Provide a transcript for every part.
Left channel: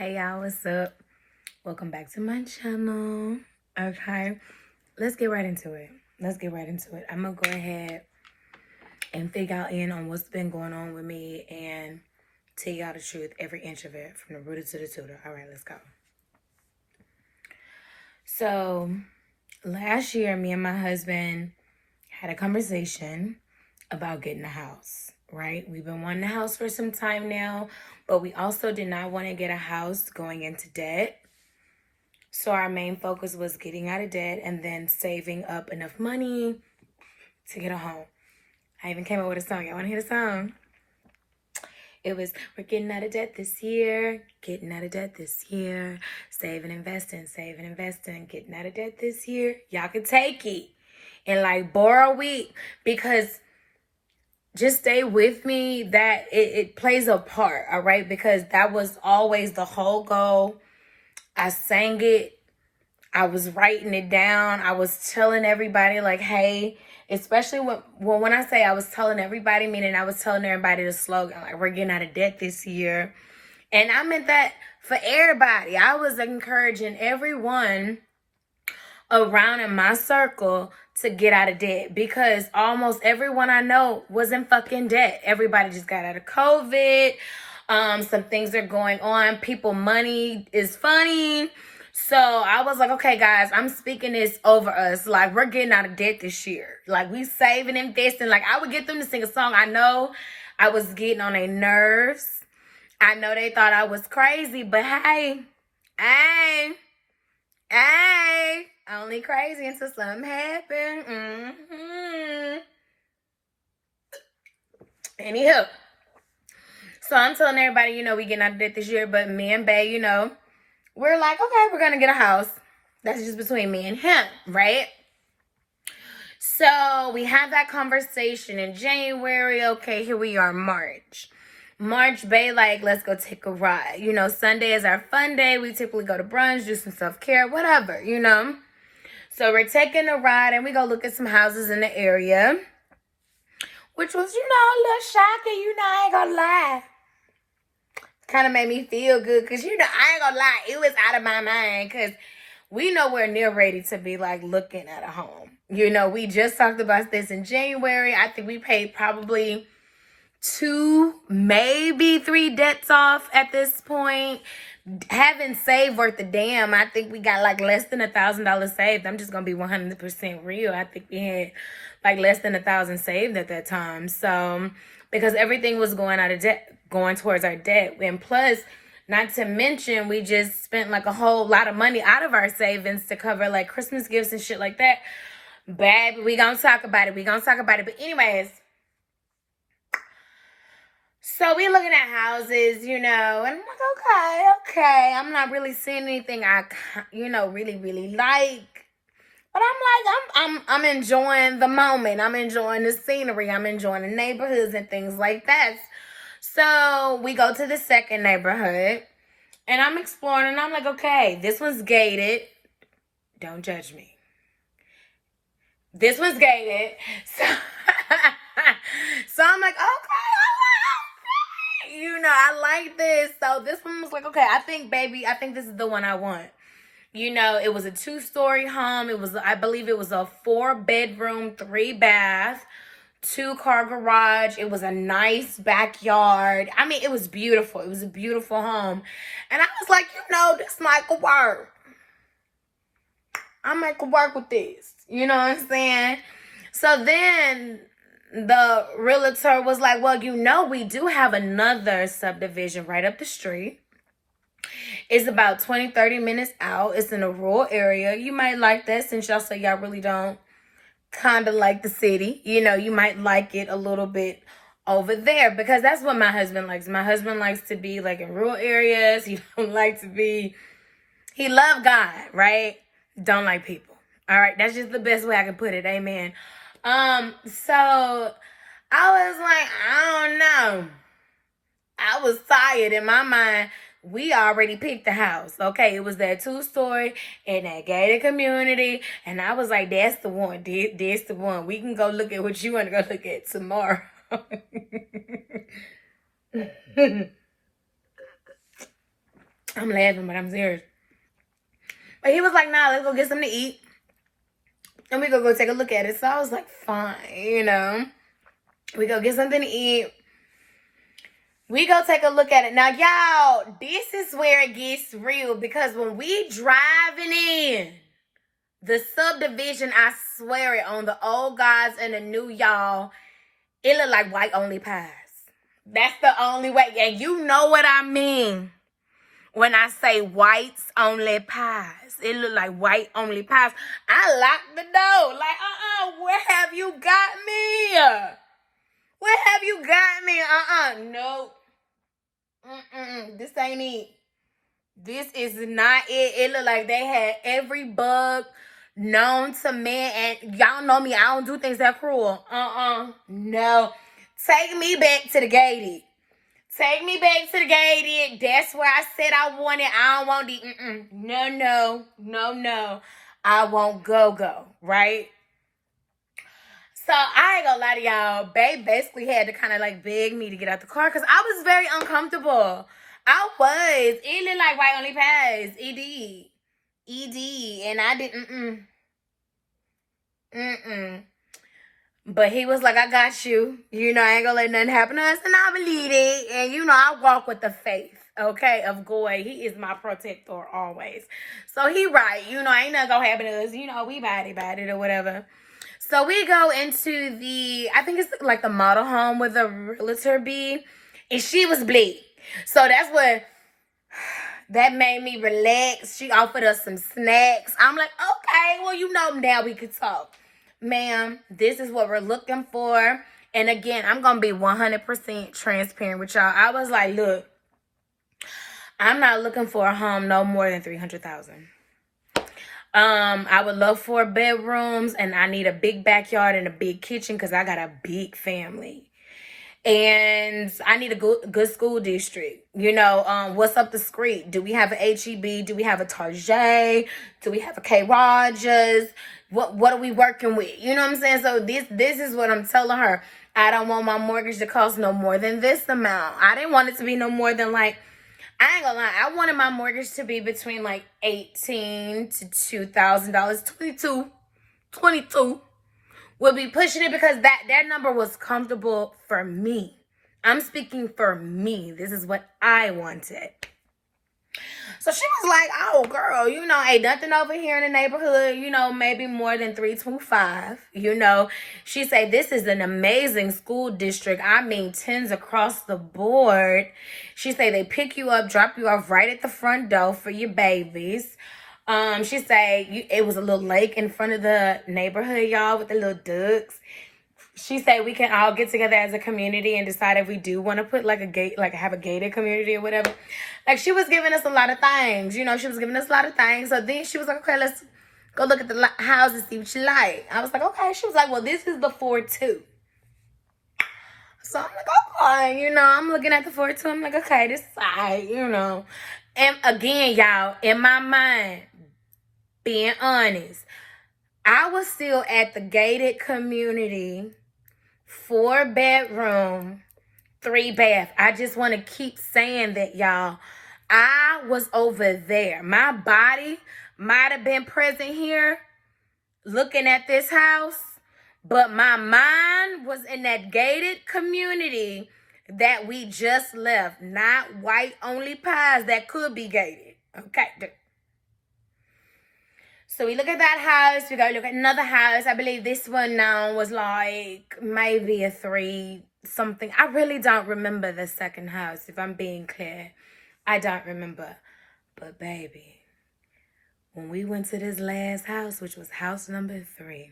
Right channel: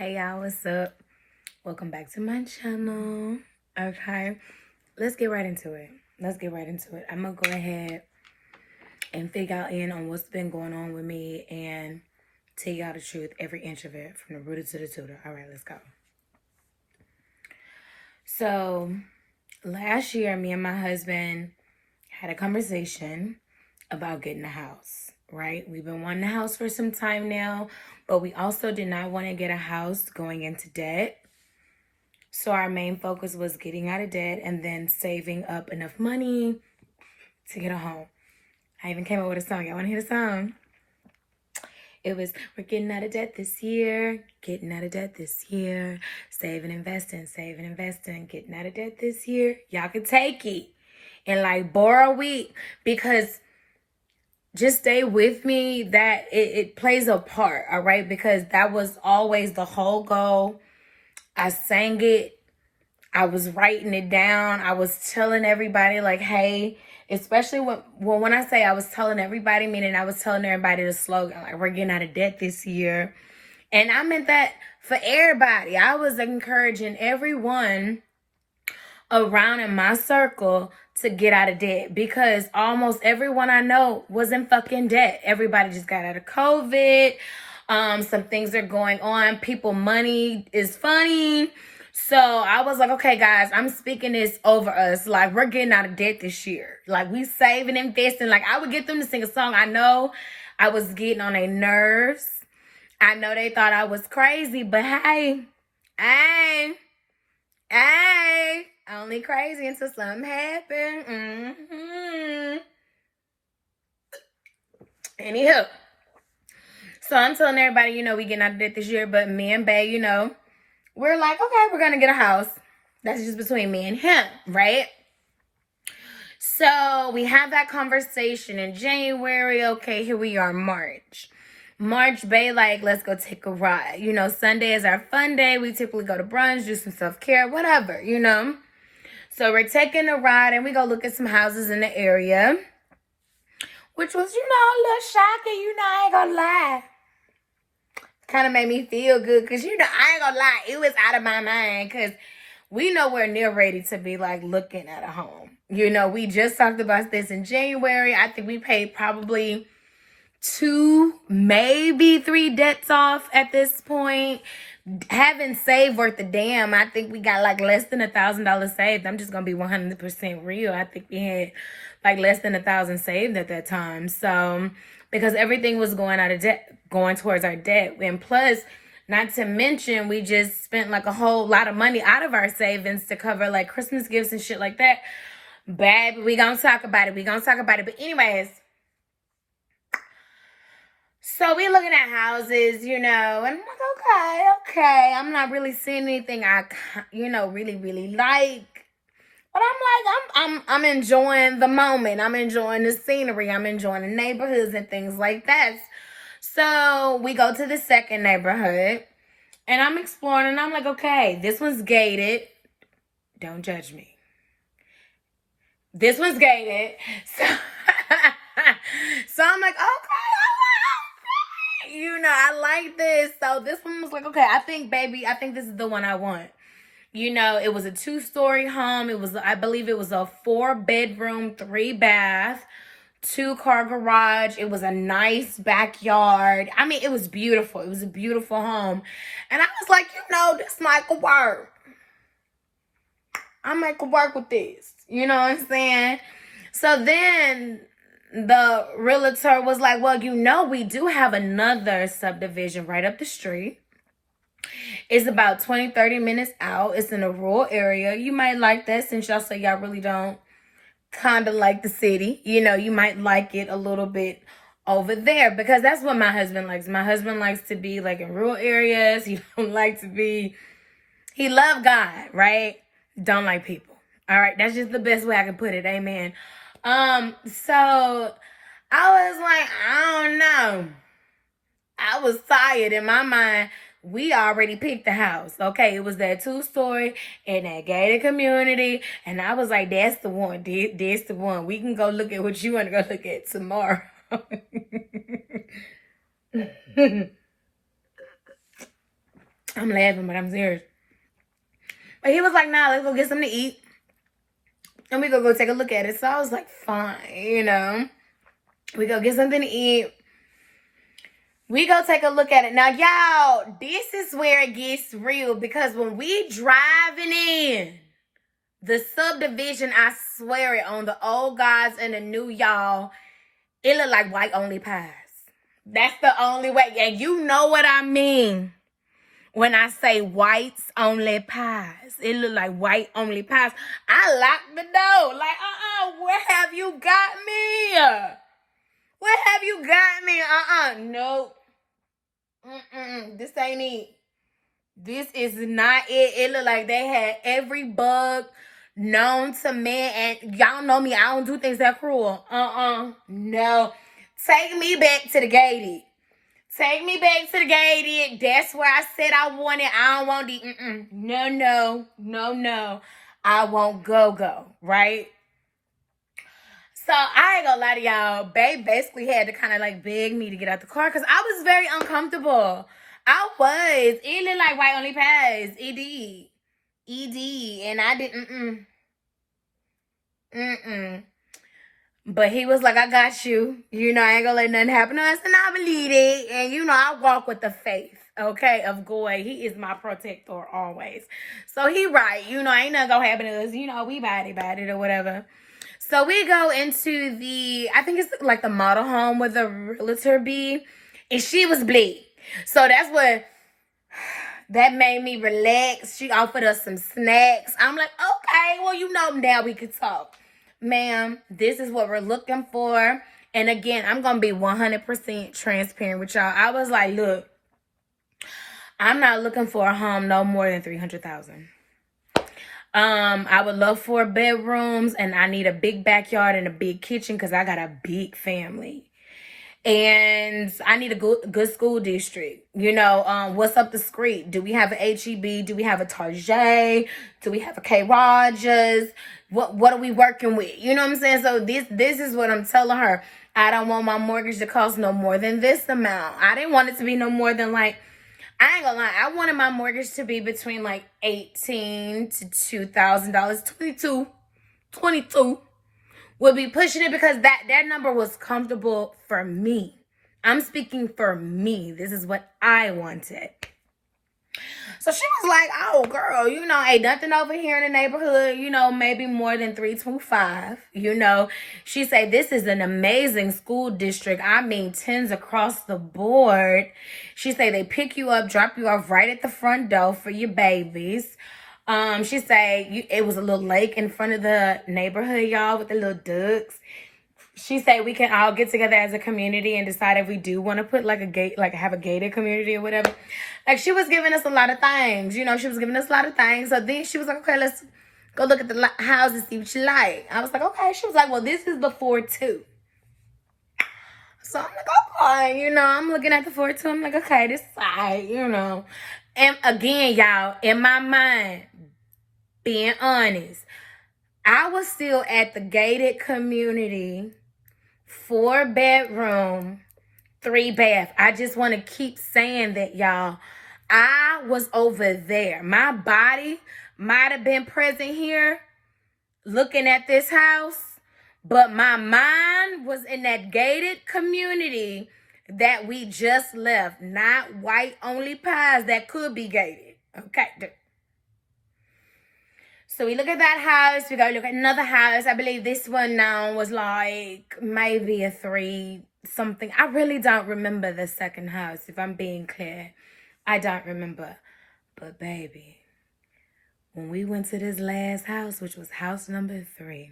Hey y'all, what's up? Welcome back to my channel. Okay, let's get right into it. I'm gonna go ahead and figure out on what's been going on with me and tell y'all the truth, every inch of it, from the rooter to the tutor. All right, let's go. So last year, me and my husband had a conversation about getting a house, right? We've been wanting a house for some time now, but we also did not want to get a house going into debt. So our main focus was getting out of debt and then saving up enough money to get a home. I even came up with a song. Y'all want to hear the song? It was, we're getting out of debt this year, getting out of debt this year, saving, investing, getting out of debt this year. Y'all can take it and like borrow it, because just stay with me that it plays a part, all right? Because that was always the whole goal. I sang it. I was writing it down. I was telling everybody, like, hey, especially when I say I was telling everybody, meaning I was telling everybody the slogan, like, we're getting out of debt this year. And I meant that for everybody. I was encouraging everyone around in my circle to get out of debt, because almost everyone I know was in fucking debt. Everybody just got out of COVID. Some things are going on. People, money is funny. So I was like, okay, guys, I'm speaking this over us. Like, we're getting out of debt this year. Like, we saving, investing. Like, I would get them to sing a song. I know I was getting on their nerves. I know they thought I was crazy, but hey, only crazy until something happened. Anywho, so I'm telling everybody, we getting out of debt this year, but me and Bae, we're like, okay, we're gonna get a house. That's just between me and him, right? So we had that conversation in January. Okay, here we are, March, Bae, like, let's go take a ride. Sunday is our fun day. We typically go to brunch, do some self-care, whatever, So we're taking a ride and we go look at some houses in the area, which was, a little shocking, I ain't gonna lie. Kind of made me feel good because, I ain't gonna lie, it was out of my mind because we nowhere near ready to be like looking at a home. We just talked about this in January. I think we paid probably 2, maybe 3 debts off at this point. Haven't saved worth a damn. I think we got like less than $1,000 saved. I'm just gonna be 100% real. I think we had like less than 1,000 saved at that time. So because everything was going out of debt, going towards our debt, and plus, not to mention, we just spent like a whole lot of money out of our savings to cover like Christmas gifts and shit like that. Baby, we gonna talk about it. But anyways, so we looking at houses, and I'm like, okay. I'm not really seeing anything I, really, really like. But I'm like, I'm enjoying the moment. I'm enjoying the scenery. I'm enjoying the neighborhoods and things like that. So we go to the second neighborhood and I'm exploring and I'm like, okay, this one's gated. Don't judge me. This one's gated. So, so I'm like, okay. I like this. So this one was like, okay, I think this is the one I want. It was a 2-story home. I believe it was a 4-bedroom, 3-bath, 2-car garage. It was a nice backyard. I mean, it was beautiful. It was a beautiful home. And I was like, this might could work. I might could work with this. You know what I'm saying? So then the realtor was like, well, we do have another subdivision right up the street. It's about 20, 30 minutes out. It's in a rural area. You might like that, since y'all say y'all really don't kind of like the city. You might like it a little bit over there, because that's what my husband likes. My husband likes to be like in rural areas. He don't like to be, he love God, right? Don't like people. All right. That's just the best way I can put it. Amen. So I was like, I don't know. I was tired in my mind. We already picked the house. Okay, it was that 2-story in that gated community. And I was like, that's the one. That's the one. We can go look at what you want to go look at tomorrow. I'm laughing, but I'm serious. But he was like, nah, let's go get something to eat. And we go take a look at it. So I was like, fine, you know. We go get something to eat. We go take a look at it. Now, y'all, this is where it gets real. Because when we driving in the subdivision, I swear it, on the old guys and the new y'all, it look like white only pies. That's the only way. And you know what I mean when I say whites only pies. It look like white only pies. I locked the door. Like, where have you got me? Where have you got me? Nope. This ain't it. This is not it. It look like they had every bug known to man. And y'all know me. I don't do things that cruel. No. Take me back to the gated. Take me back to the gated. That's where I said I want it. I don't want the no. I won't go, right? So I ain't gonna lie to y'all. Babe basically had to kind of like beg me to get out the car because I was very uncomfortable. I was. It looked like white only pies. ED. And I didn't. But he was like, I got you. You know, I ain't gonna let nothing happen to us. And I believe it. And, you know, I walk with the faith, okay, of Goy. He is my protector always. So he right. You know, ain't nothing gonna happen to us. You know, we body or whatever. So we go into I think it's like the model home where the realtor be. And she was bleed. So that's what, that made me relax. She offered us some snacks. I'm like, okay, well, you know, now we could talk. Ma'am, this is what we're looking for. And again, I'm going to be 100% transparent with y'all. I was like, look, I'm not looking for a home no more than $300,000. I would love 4 bedrooms, and I need a big backyard and a big kitchen because I got a big family. And I need a good school district. You know, what's up the street? Do we have an HEB? Do we have a Target? Do we have a K. Rogers? What are we working with? You know what I'm saying? So this is what I'm telling her. I don't want my mortgage to cost no more than this amount. I didn't want it to be no more than like, I ain't gonna lie, I wanted my mortgage to be between like $18,000 to $2,000, $22. Will be pushing it because that number was comfortable for me. I'm speaking for me. This is what I wanted. So she was like, oh, girl, you know, ain't nothing over here in the neighborhood, you know, maybe more than 325. You know, she said, this is an amazing school district. I mean, 10s across the board. She said they pick you up, drop you off right at the front door for your babies. She said it was a little lake in front of the neighborhood, y'all, with the little ducks. She said we can all get together as a community and decide if we do want to put like a gate, like have a gated community or whatever. Like she was giving us a lot of things, you know, she was giving us a lot of things. So then she was like, okay, let's go look at the houses, see what you like. I was like, okay. She was like, well, this is the 4-2. So I'm like, okay, you know, I'm looking at the 4-2. I'm like, okay, this side, you know. And again, y'all, in my mind, being honest, I was still at the gated community, 4 bedroom, 3 bath. I just want to keep saying that, y'all. I was over there. My body might have been present here looking at this house, but my mind was in that gated community that we just left. Not white only pies that could be gated. Okay. So we look at that house. We go look at another house. I believe this one now was like maybe a 3 something. I really don't remember the second house, if I'm being clear. I don't remember. But baby, when we went to this last house, which was house number 3,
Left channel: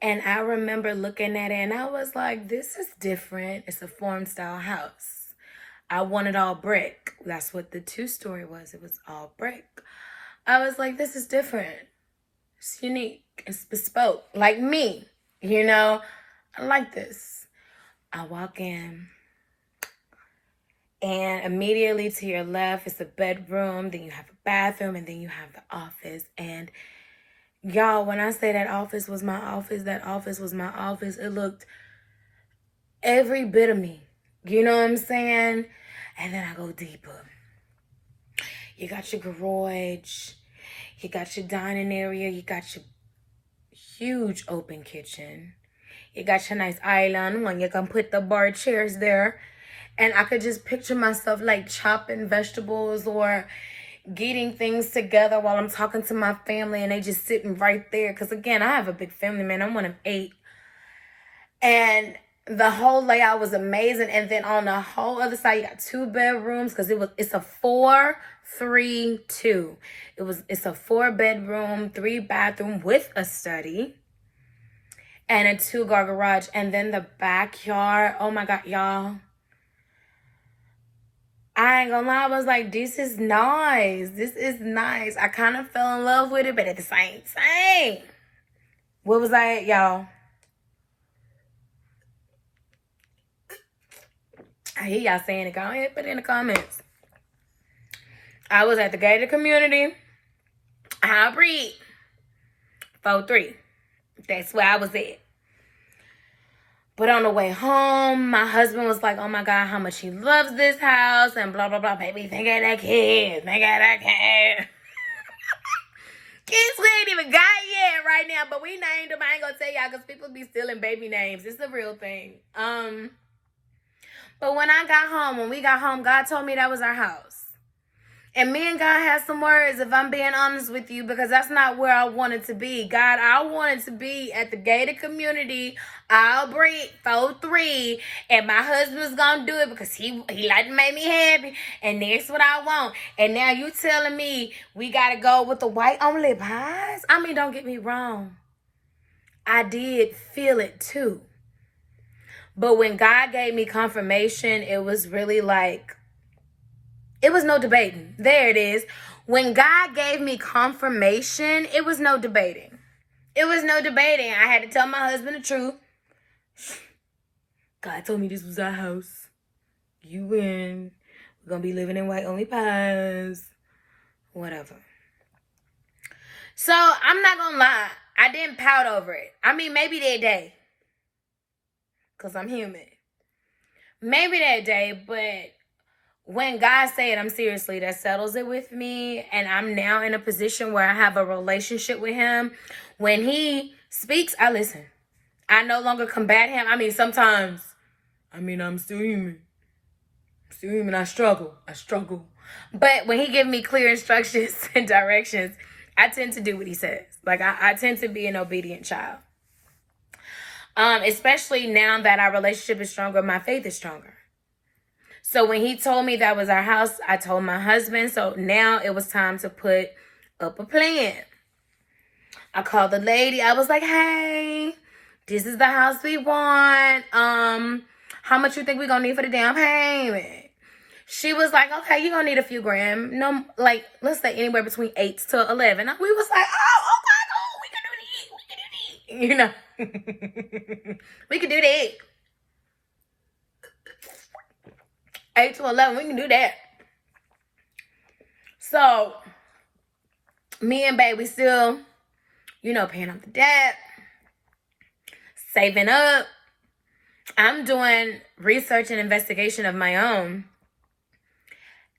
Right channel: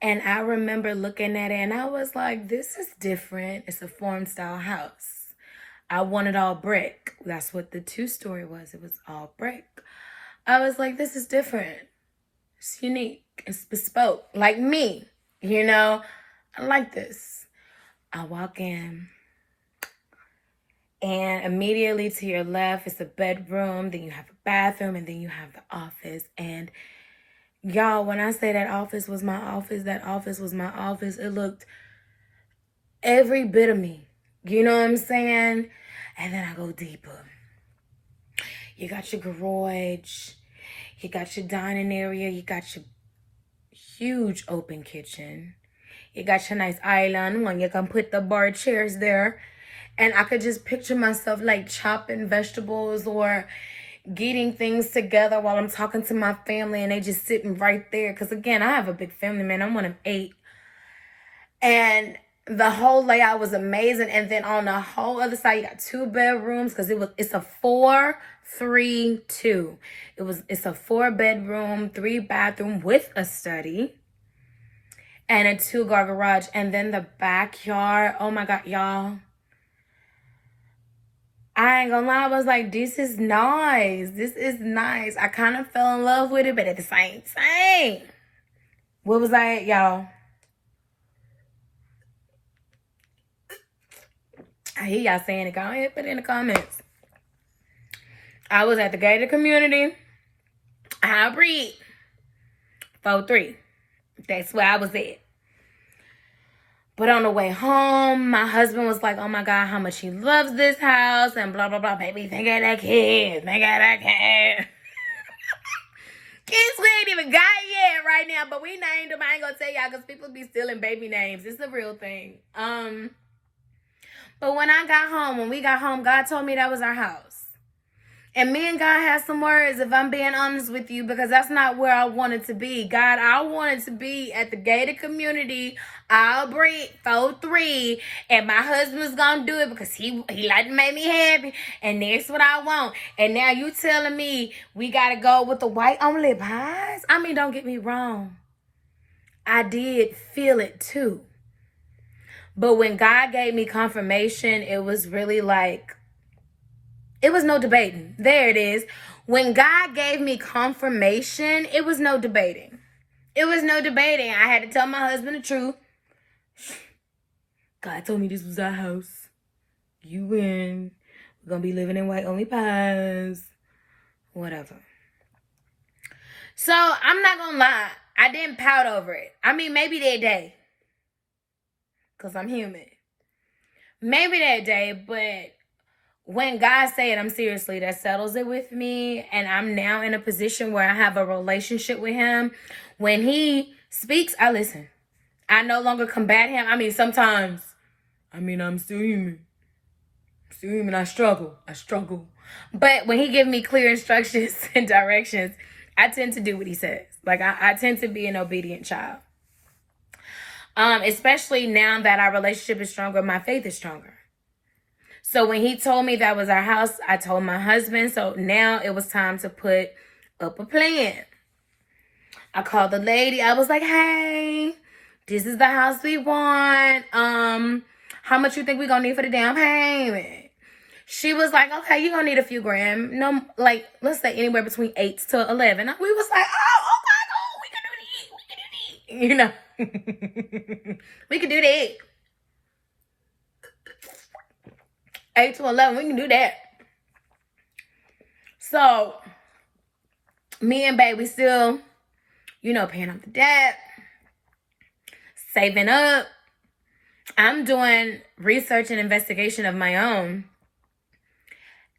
and I remember looking at it and I was like, this is different. It's a farm style house. I wanted all brick. That's what the 2-story was. It was all brick. I was like, this is different. It's unique. It's bespoke. Like me, you know? I like this. I walk in. And immediately to your left is a bedroom. Then you have a bathroom. And then you have the office. And y'all, when I say that office was my office, that office was my office. It looked every bit of me. You know what I'm saying? And then I go deeper. You got your garage. You got your dining area. You got your huge open kitchen. You got your nice island one. You can put the bar chairs there. And I could just picture myself like chopping vegetables or getting things together while I'm talking to my family and they just sitting right there. Because again, I have a big family, man. I'm one of 8. And the whole layout was amazing. And then on the whole other side, you got 2 bedrooms because it's a 4-3-2. It's a 4-bedroom, 3-bathroom with a study and a 2-car garage. And then the backyard. Oh my God, y'all. I ain't gonna lie, I was like, this is nice. This is nice. I kind of fell in love with it, but at the same time, what was I at, y'all? I hear y'all saying it. Go ahead, put it in the comments. I was at the gated community. Hybrid. 4-3. That's where I was at. But on the way home, my husband was like, oh my God, how much he loves this house and blah, blah, blah. Baby, think of that kid. Think of that kid. Kids we ain't even got yet right now, but we named them. I ain't gonna tell y'all because people be stealing baby names. It's a real thing. But when we got home, God told me that was our house. And me and God had some words, if I'm being honest with you, because that's not where I wanted to be. God, I wanted to be at the gated community, I'll break 4-3, and my husband's gonna do it because he like to make me happy, and that's what I want. And now you telling me we gotta go with the white only pies? I mean, don't get me wrong. I did feel it too. But when God gave me confirmation, it was really like, it was no debating. There it is. When God gave me confirmation, it was no debating. It was no debating. I had to tell my husband the truth. God told me this was our house. You win. We're going to be living in white only pies. Whatever. So, I'm not going to lie. I didn't pout over it. I mean, maybe that day. Because I'm human. Maybe that day, but when God said, I'm seriously, that settles it with me. And I'm now in a position where I have a relationship with him. When he speaks, I listen. I no longer combat him. I mean, sometimes, I'm still human. I struggle. But when he gives me clear instructions and directions, I tend to do what he says. Like, I tend to be an obedient child. Especially now that our relationship is stronger, my faith is stronger. So when he told me that was our house, I told my husband. So now it was time to put up a plan. I called the lady. I was like, hey, this is the house we want. How much you think we're going to need for the down payment? She was like, okay, you're going to need a few grand. No, like, let's say anywhere between 8 to 11. We was like, oh, we can do that. You know, we can do that. 8 to 11, we can do that. So, me and babe, we still, paying off the debt, saving up. I'm doing research and investigation of my own.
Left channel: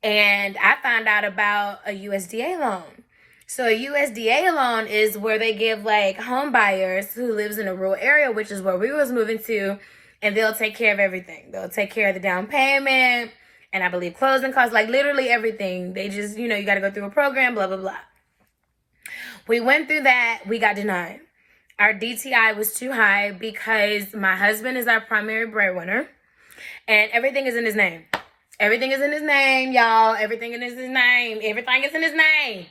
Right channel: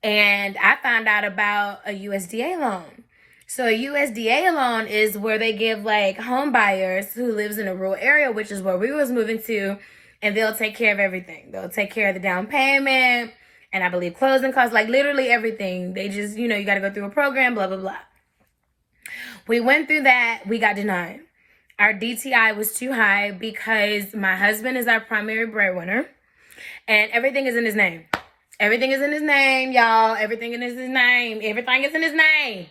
And I found out about a USDA loan. So a USDA loan is where they give like home buyers who lives in a rural area, which is where we was moving to, and they'll take care of everything. They'll take care of the down payment, and I believe closing costs, like literally everything. They just, you got to go through a program, blah, blah, blah. We went through that. We got denied. Our DTI was too high because my husband is our primary breadwinner, and everything is in his name. Everything is in his name, y'all. Everything is in his name. Everything is in his name.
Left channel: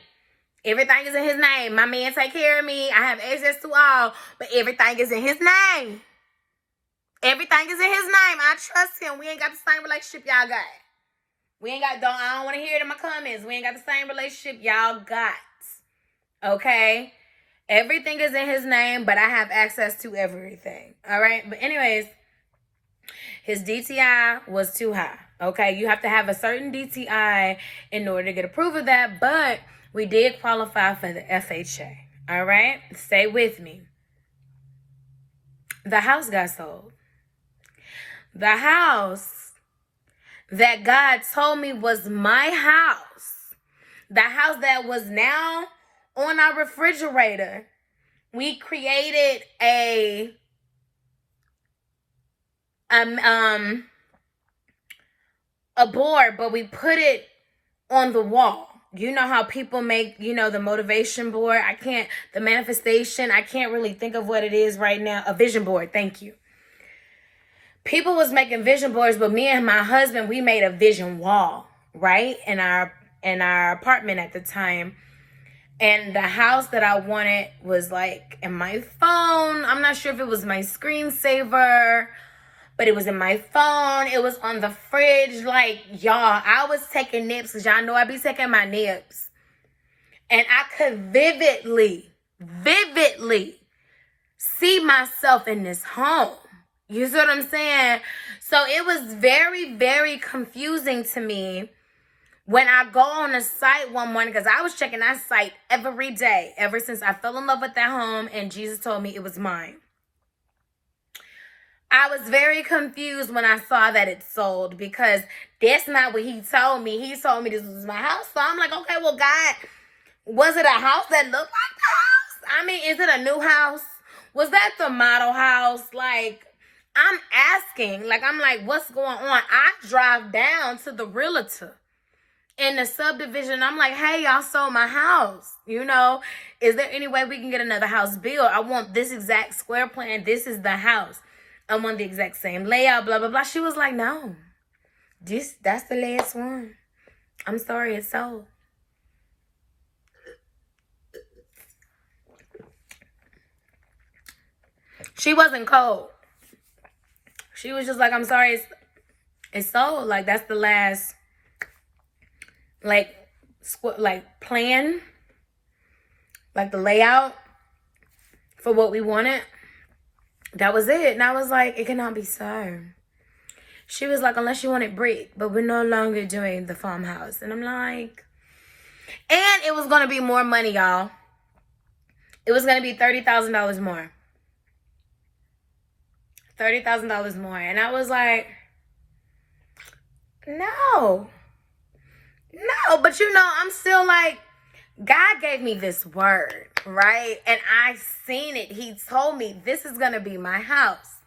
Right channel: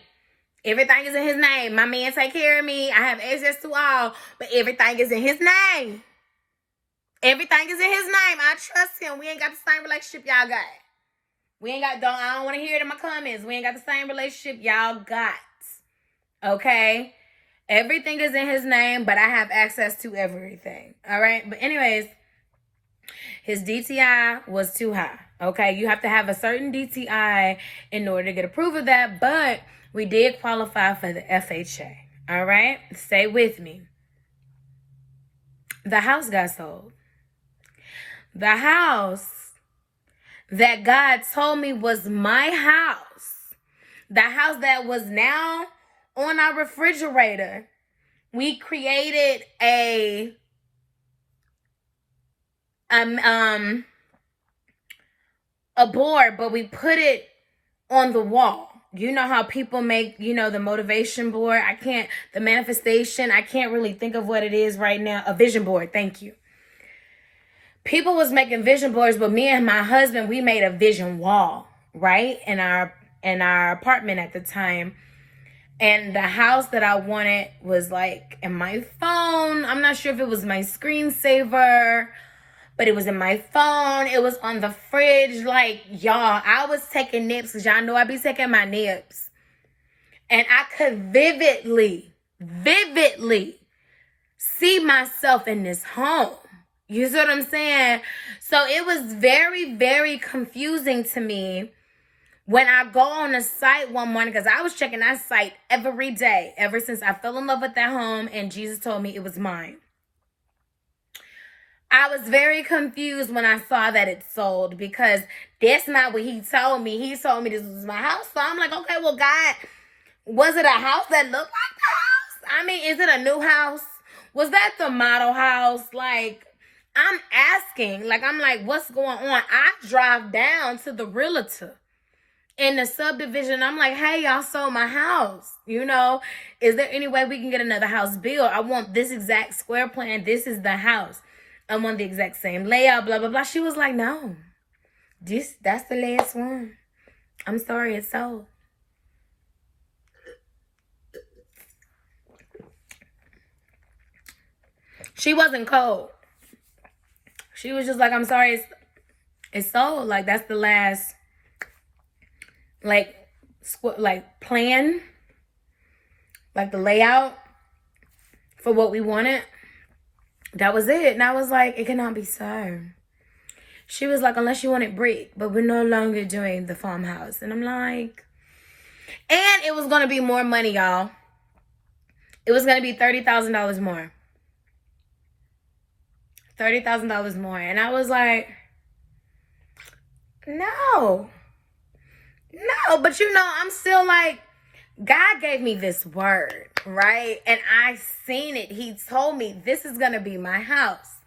Everything is in his name. My man take care of me. I have access to all, but everything is in his name. Everything is in his name. I trust him. We ain't got the same relationship y'all got. I don't want to hear it in my comments. We ain't got the same relationship y'all got. Okay? Everything is in his name, but I have access to everything. All right? But anyways, his DTI was too high. Okay? You have to have a certain DTI in order to get approved of that, but we did qualify for the FHA. All right? Stay with me. The house got sold. The house that God told me was my house, the house that was now on our refrigerator, we created a board, but we put it on the wall. You know how people make, the motivation board. The manifestation, I can't really think of what it is right now. A vision board. Thank you. People was making vision boards, but me and my husband, we made a vision wall, right? In our apartment at the time. And the house that I wanted was like in my phone. I'm not sure if it was my screensaver, but it was in my phone. It was on the fridge. Like, y'all, I was taking nips because y'all know I be taking my nips. And I could vividly see myself in this home. You see what I'm saying? So it was very, very confusing to me when I go on a site one morning, because I was checking that site every day, ever since I fell in love with that home and Jesus told me it was mine. I was very confused when I saw that it sold, because that's not what he told me. He told me this was my house. So I'm like, okay, well, God, was it a house that looked like the house? I mean, is it a new house? Was that the model house? Like, I'm asking, I'm like, what's going on? I drive down to the realtor in the subdivision. I'm like, hey, y'all sold my house. Is there any way we can get another house built? I want this exact square plan. This is the house. I want the exact same layout, blah, blah, blah. She was like, no, that's the last one. I'm sorry, it's sold. She wasn't cold. She was just like, I'm sorry, it's sold. Like, that's the last, plan, like the layout for what we wanted. That was it. And I was like, it cannot be so. She was like, unless you want it brick, but we're no longer doing the farmhouse. And I'm like, and it was going to be more money, y'all. It was going to be $30,000 more. $30,000 more. And I was like, no, but I'm still like, God gave me this word, right? And I seen it. He told me this is going to be my house.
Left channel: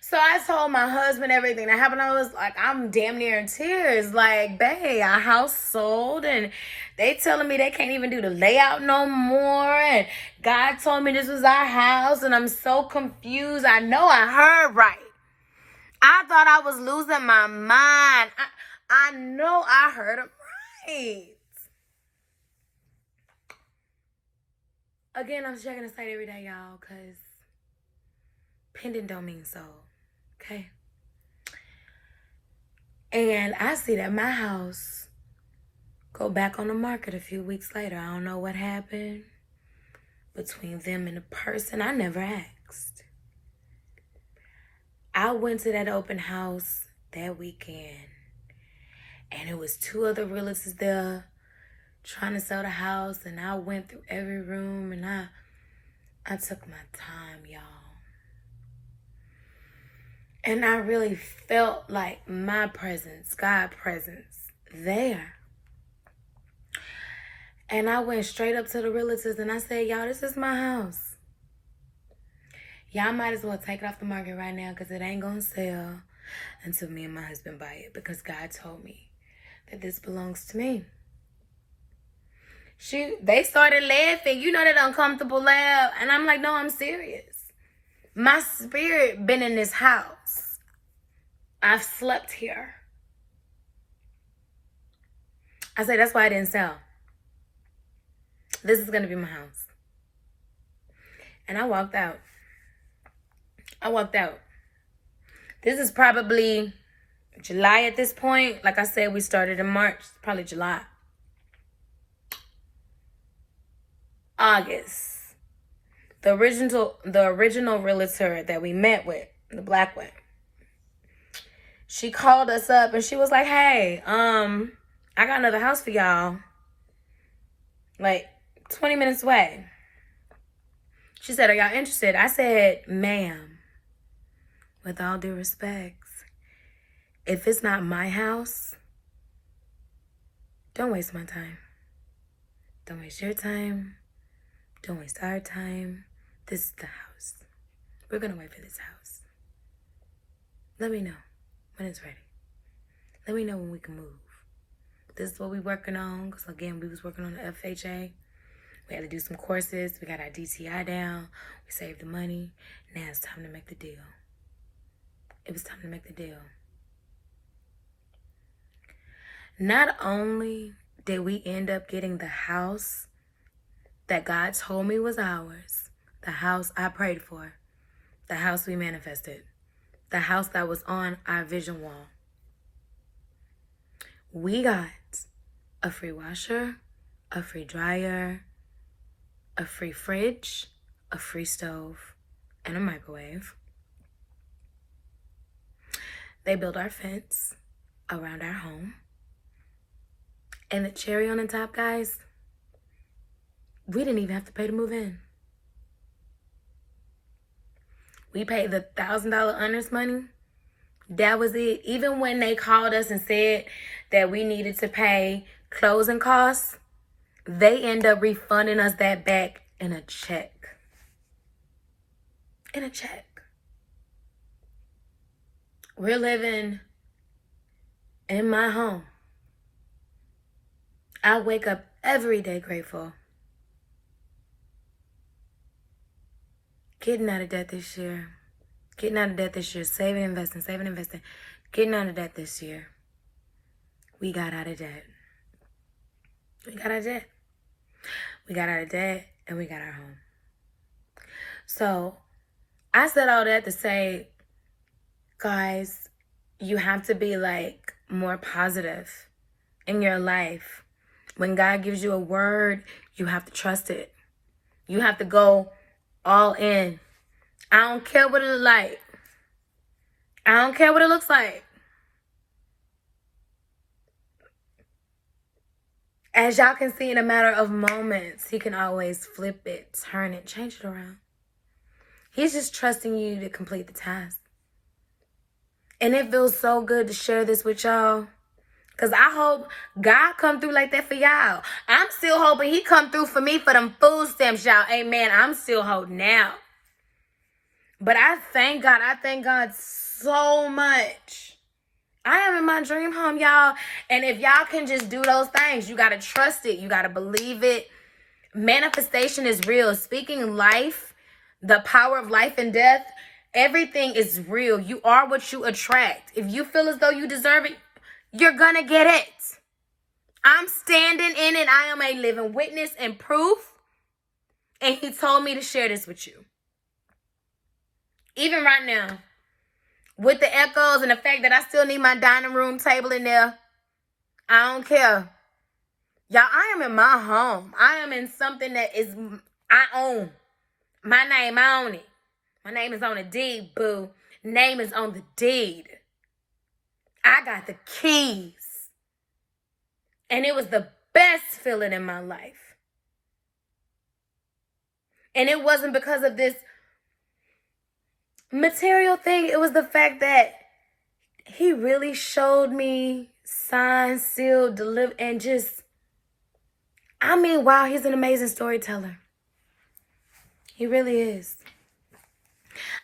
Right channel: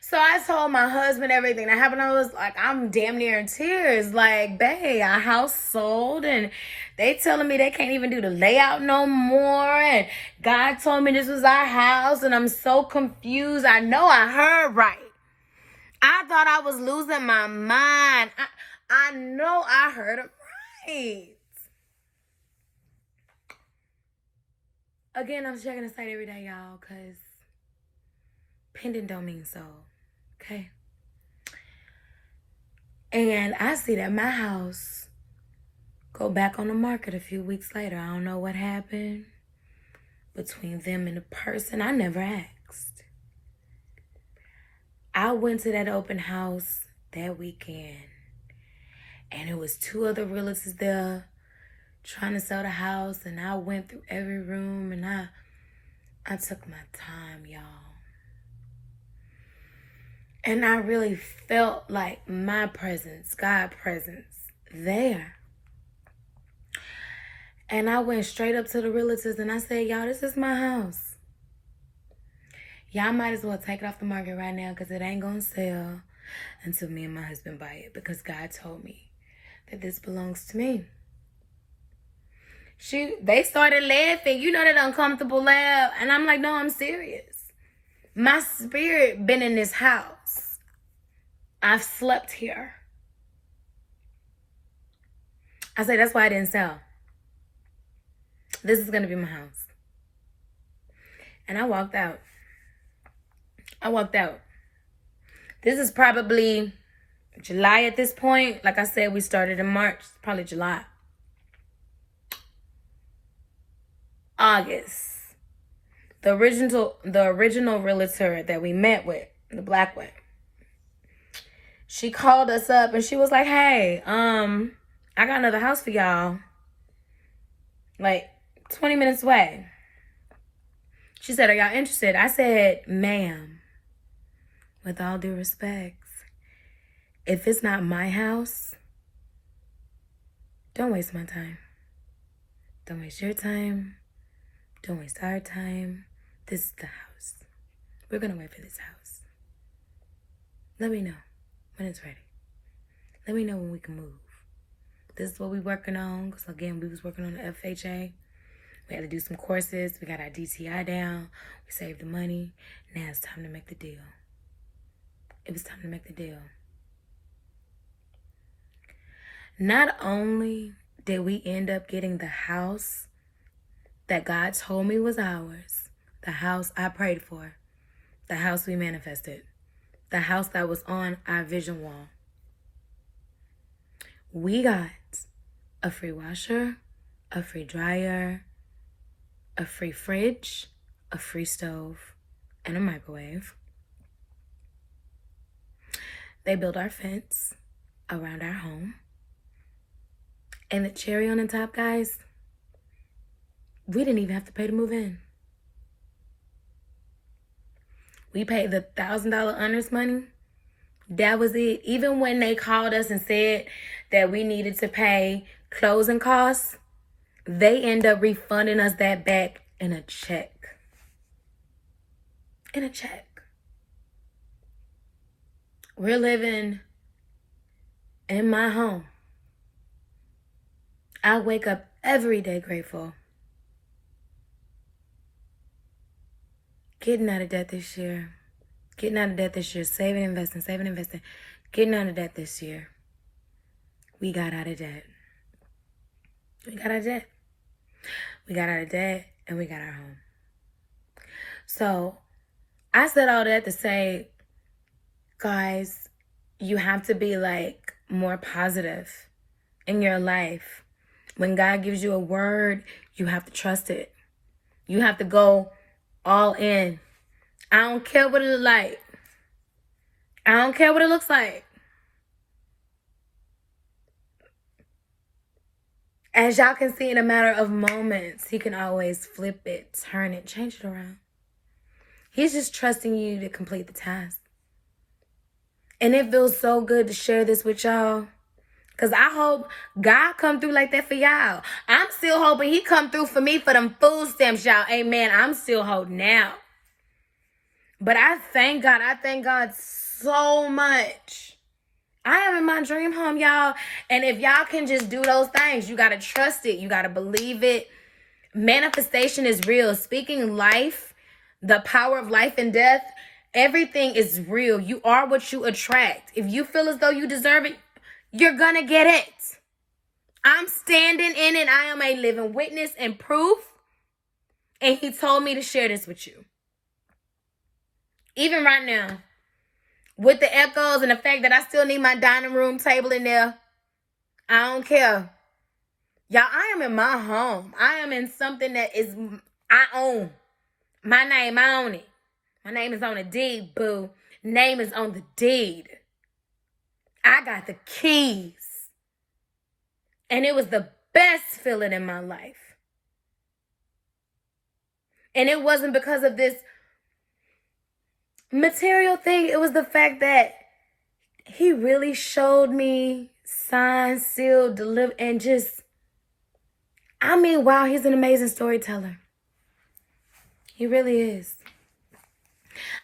So I told my husband everything that happened. I was like, I'm damn near in tears. Like, babe, our house sold and they telling me they can't even do the layout no more. And God told me this was our house and I'm so confused. I know I heard right. I thought I was losing my mind. I know I heard it right. Again, I'm checking the site every day, y'all, because pending don't mean so. Okay? And I see that my house go back on the market a few weeks later. I don't know what happened between them and the person. I never asked. I went to that open house that weekend, and it was 2 other realtors there trying to sell the house, and I went through every room, and I took my time, y'all. And I really felt like my presence, God's presence, there. And I went straight up to the realtors and I said, y'all, this is my house. Y'all might as well take it off the market right now because it ain't going to sell until me and my husband buy it, because God told me that this belongs to me. They started laughing. That uncomfortable laugh. And I'm like, no, I'm serious. My spirit been in this house. I've slept here. I said, that's why I didn't sell. This is going to be my house. And I walked out. This is probably July at this point. Like I said, we started in March. Probably July. August. The original realtor that we met with, the black one, she called us up and she was like, hey, I got another house for y'all. Like 20 minutes away. She said, are y'all interested? I said, ma'am, with all due respect, if it's not my house, don't waste my time. Don't waste your time. Don't waste our time. This is the house. We're going to wait for this house. Let me know when it's ready. Let me know when we can move. This is what we're working on. Because, again, we was working on the FHA. We had to do some courses. We got our DTI down. We saved the money. Now it's time to make the deal. It was time to make the deal. Not only did we end up getting the house that God told me was ours, the house I prayed for, the house we manifested, the house that was on our vision wall, we got a free washer, a free dryer, a free fridge, a free stove, and a microwave. They built our fence around our home. And the cherry on the top, guys, we didn't even have to pay to move in. We paid the $1,000 earnest money. That was it. Even when they called us and said that we needed to pay closing costs, they end up refunding us that back in a check. In a check. We're living in my home. I wake up every day grateful. Getting out of debt this year. Getting out of debt this year. Saving, investing. Getting out of debt this year. We got out of debt. We got out of debt. We got out of debt and we got our home. So I said all that to say, guys, you have to be like more positive in your life. When God gives you a word, you have to trust it. You have to go all in. I don't care what it looks like. I don't care what it looks like. As y'all can see, in a matter of moments, he can always flip it, turn it, change it around. He's just trusting you to complete the task. And it feels so good to share this with y'all. Because I hope God come through like that for y'all. I'm still hoping he come through for me for them food stamps, y'all. Amen. I'm still holding out. But I thank God. I thank God so much. I am in my dream home, y'all. And if y'all can just do those things, you got to trust it. You got to believe it. Manifestation is real. Speaking life, the power of life and death, everything is real. You are what you attract. If you feel as though you deserve it, you're gonna get it. I'm standing in it. I am a living witness and proof. And he told me to share this with you. Even right now, with the echoes and the fact that I still need my dining room table in there, I don't care. Y'all, I am in my home. I am in something that is I own. My name, I own it. My name is on the deed, boo. Name is on the deed. I got the keys. And it was the best feeling in my life. And it wasn't because of this material thing. It was the fact that he really showed me, signed, sealed, delivered, and just, I mean, wow, he's an amazing storyteller. He really is.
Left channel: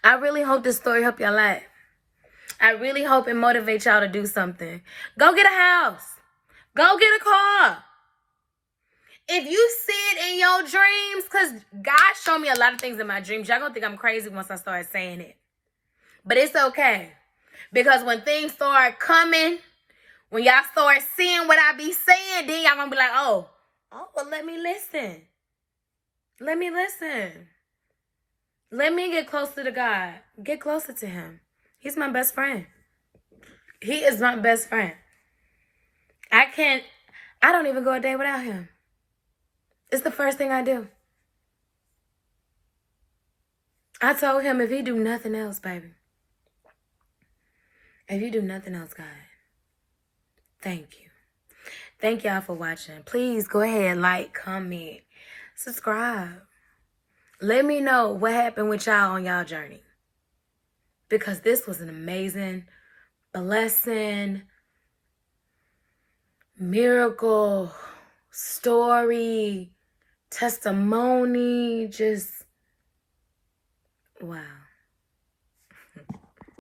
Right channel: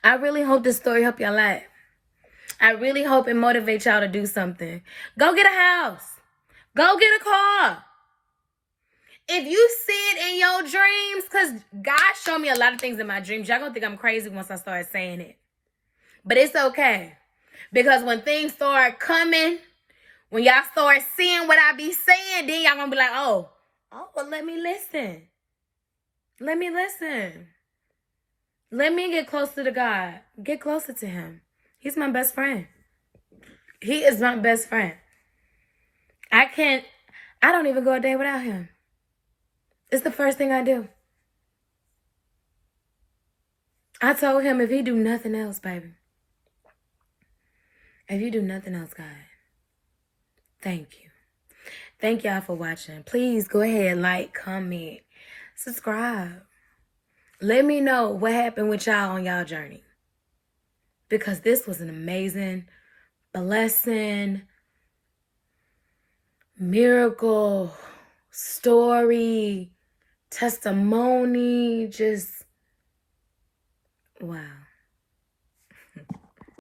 I really hope this story helped y'all out. I really hope it motivates y'all to do something. Go get a house. Go get a car. If you see it in your dreams, because God showed me a lot of things in my dreams. Y'all gonna think I'm crazy once I start saying it. But it's okay. Because when things start coming, when y'all start seeing what I be saying, then y'all gonna be like, oh, well, let me listen. Let me listen. Let me get closer to God. Get closer to him. He's my best friend. He is my best friend. I don't even go a day without him. It's the first thing I do. I told him if he do nothing else, baby. If you do nothing else, God, thank you. Thank y'all for watching. Please go ahead, like, comment, subscribe. Let me know what happened with y'all on y'all journey. Because this was an amazing, blessing, miracle, story, testimony, just wow.